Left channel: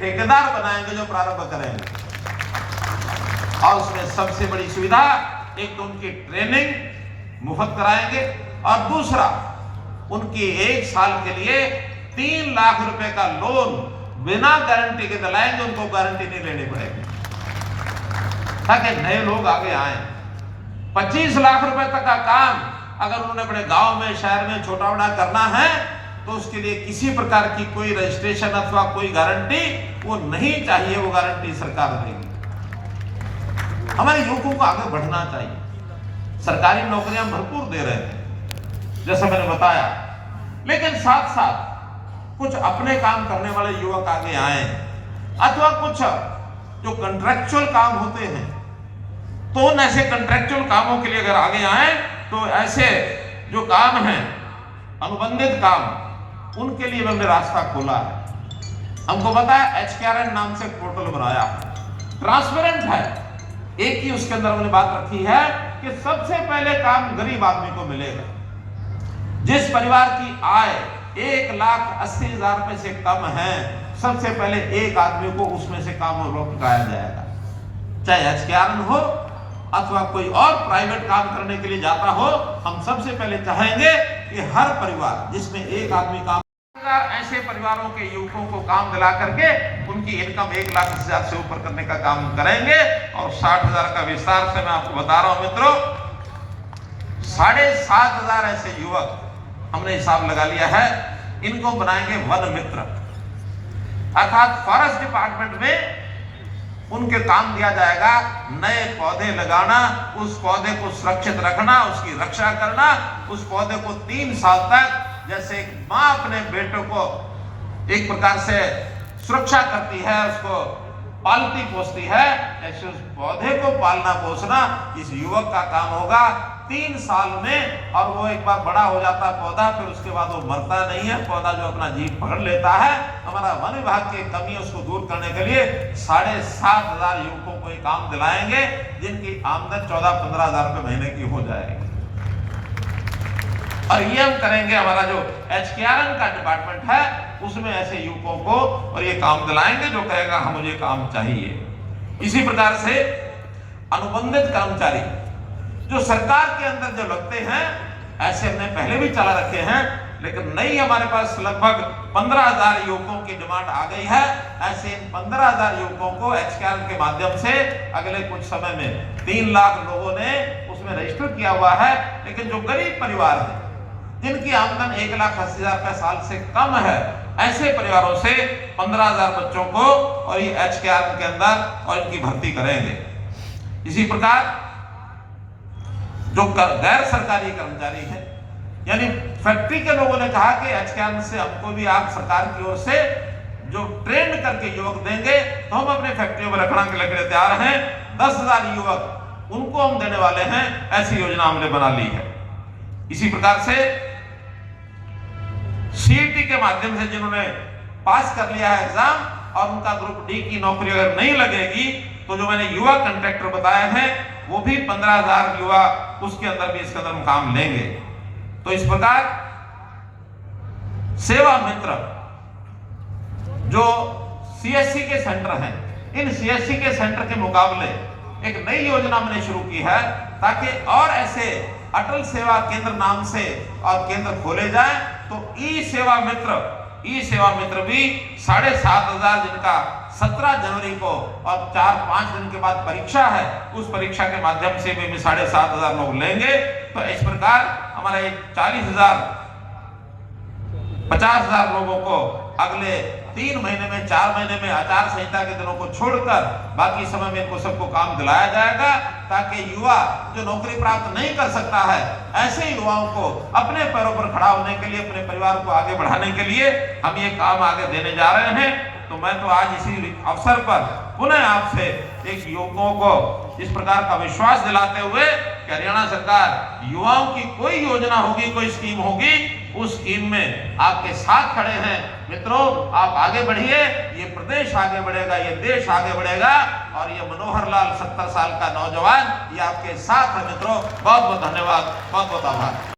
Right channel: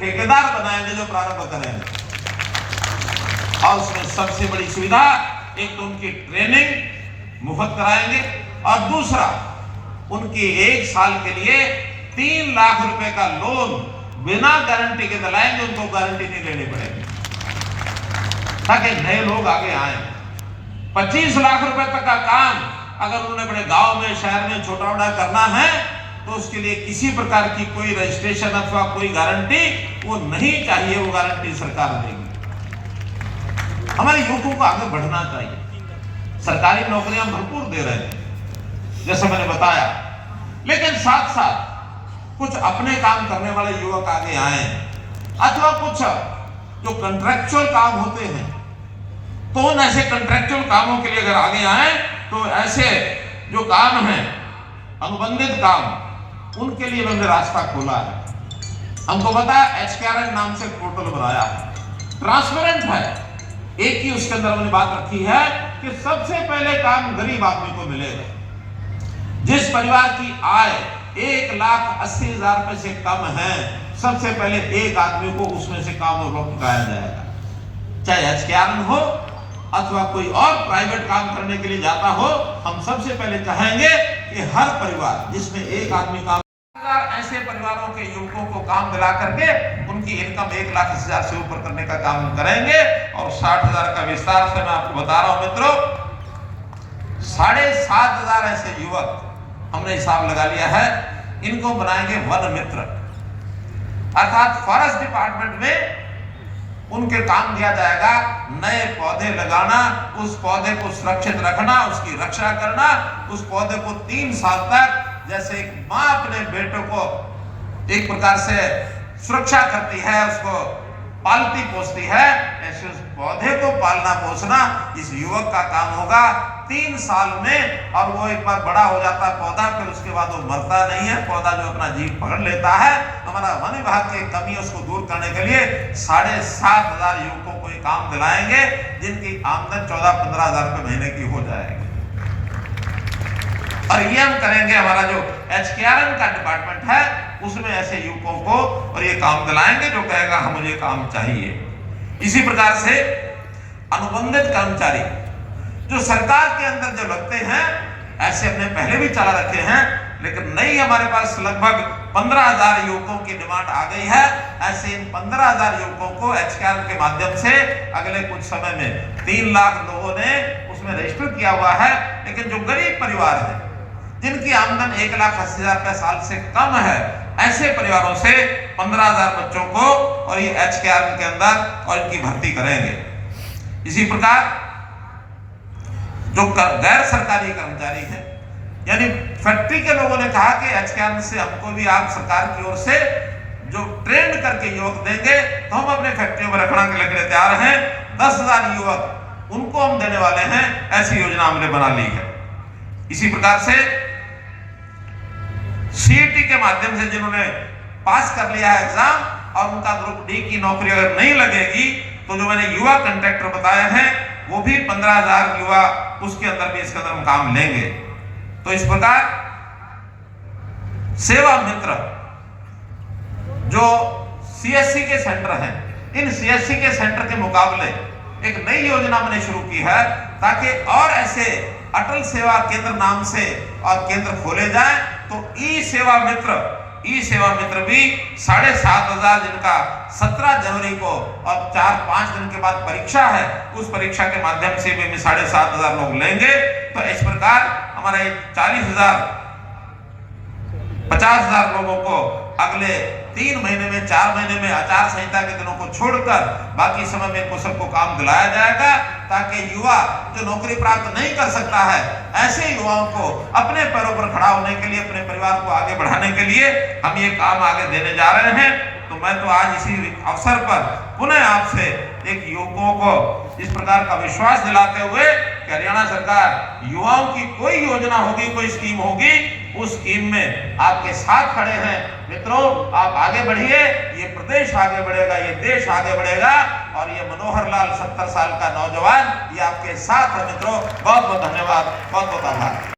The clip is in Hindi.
ठेकेदार बनाएंगे जो प्रारंभ करेंगे। और उसमें सबसे बड़ी सुविधा, एक तो उनकी ट्रेनिंग मुफ्त कराएंगे और दूसरा उनकी 1 साल के लिए 3 लाख रुपए का लोन बिना गारंटी के दिलाएंगे, उनको गारंटी नहीं लेनी पड़ेगी ताकि नए लोग आगे आए। 25 लाख रुपए तक का काम अगर उन्हें अपने गांव में, शहर में छोटा बड़ा करना है तो उसके लिए किसी प्रकार की कोई रजिस्ट्रेशन अथवा कोई गारंटी वो नहीं चाहिए, वो गारंटी सरकार देगी। हमारे युवकों को आगे बढ़ना चाहिए, सरकारी नौकरियां भरपूर दे रहे हैं जैसे मैंने बताया, लेकिन साथ साथ कुछ अपने काम करने वाले युवक आगे आए अथवा कुछ जो कॉन्ट्रैक्चुअल काम होते हैं तो उन ऐसे कॉन्ट्रैक्चुअल कामों के लिए अगर आगे आए तो ऐसे जो काम हैं अनुबंधित काम, उनके लिए हमने रास्ता खोला है। हमको पता है HKRN नाम से पोर्टल बनाया है, ट्रांसपेरेंट है। एक ही उसके अंदर हमने बात रखी है कि सबसे पहले काम गरीब आदमी को मिलेगा। जिस परिवार की आय 1,80,000 रुपए से कम है, सबसे पहले एक आदमी को उसमें से काम उपलब्ध कराया जाएगा। चाहे HKRN हो अथवा कोई और प्राइवेट काम करने के लिए जाता हो, हम सबसे पहले चाहेंगे कि हर परिवार जिसमें एक आदमी काम, ऐसे परिवारों के युवकों को काम दिला करके उनकी इनकम 1,80,000 से ऊपर करने का काम करेंगे। और 60,000 का विस्तार से मैं आपको बता रहा हूं मित्रों, 7,500 ऐसे युवक हमने हिसाब लगा लिया है, इनको बनाएंगे वन मित्र, अर्थात फॉरेस्ट डिपार्टमेंट में उनके काम दिया जाएगा नए पौधे लगाना, उस पौधे को सुरक्षित रखना, उसकी रक्षा करना, उस पौधे को 3 साल तक, जैसे एक माँ अपने बेटों को एक प्रकार से सुरक्षा करती है, उसको पालती पोसती है, ऐसे उस पौधे को पालना पोसना इस युवक का काम होगा 3 साल में। और वो एक बार बड़ा हो जाता है पौधा, फिर उसके बाद वो मरता नहीं है, पौधा जो अपना जीव पकड़ लेता है। हमारा वन विभाग की कमी है, उसको दूर करने के लिए 7,500 युवकों को ये काम दिलाएंगे, जिनकी आमदन 14-15 हजार रुपए महीने की हो जाएगी। और ये हम करेंगे, हमारा जो HKRN का डिपार्टमेंट है उसमें ऐसे युवकों को और ये काम दिलाएंगे जो कहेगा हम मुझे काम चाहिए। इसी प्रकार से अनुबंधित कर्मचारी जो सरकार के अंदर जो लगते हैं, ऐसे हमने पहले भी चला रखे हैं, लेकिन नई हमारे पास लगभग 15,000 युवकों की डिमांड आ गई है। ऐसे इन 15,000 युवकों को HKRN के माध्यम से अगले कुछ समय में 3 लाख लोगों ने उसमें रजिस्टर किया हुआ है। लेकिन जो गरीब परिवार है, जिनकी आमदन 1,80,000 रुपए साल से कम है, ऐसे परिवारों से 15,000 बच्चों को और ये HKRN के अंदर और इनकी भर्ती करेंगे। इसी प्रकार जो गैर सरकारी कर्मचारी है, यानी फैक्ट्री के लोगों ने कहा कि HKRN से हमको भी आप सरकार की ओर से जो ट्रेंड करके युवक देंगे तो हम अपने फैक्ट्रियों में रखने के लिए तैयार हैं। 10,000 युवक उनको हम देने वाले हैं, ऐसी योजना हमने बना ली है। इसी प्रकार से CET के माध्यम से जिन्होंने पास कर लिया है एग्जाम और उनका ग्रुप D की नौकरी अगर नहीं लगेगी तो जो मैंने युवा कॉन्ट्रैक्टर बताए हैं वो भी 15,000 युवा उसके अंदर भी इसके अंदर हम काम लेंगे। तो इस प्रकार सेवा मित्र जो CSC के सेंटर हैं, इन CSC के सेंटर के मुकाबले एक नई योजना मैंने शुरू की है ताकि और ऐसे अटल सेवा केंद्र नाम से और केंद्र खोले जाए। तो ई सेवा मित्र भी 7,500 जिनका 17 जनवरी को और 4-5 दिन के बाद परीक्षा है, उस परीक्षा के माध्यम से भी 7,500 लोग लेंगे। तो इस प्रकार हमारा 40,000 50,000 लोगों को अगले 3 महीने में, 4 महीने में आचार संहिता के दिनों को छोड़कर बाकी समय में इनको सबको काम दिलाया जाएगा, ताकि युवा जो नौकरी प्राप्त नहीं कर सकता है, ऐसे युवाओं को अपने पैरों पर खड़ा होने के लिए, अपने परिवार को आगे बढ़ाने के लिए हम ये काम आगे देने जा रहे हैं। तो मैं तो आज इसी अवसर पर पुनः आपसे एक युवकों को इस प्रकार का विश्वास दिलाते हुए कि हरियाणा सरकार युवाओं की कोई योजना होगी, कोई स्कीम होगी, उस स्कीम में आपके साथ खड़े हैं। मित्रों, आप आगे बढ़िए, ये प्रदेश आगे बढ़ेगा, ये देश आगे बढ़ेगा। और ये मनोहर लाल 70 साल का नौजवान ये आपके साथ है। मित्रों, बहुत बहुत धन्यवाद, बहुत बहुत आभार।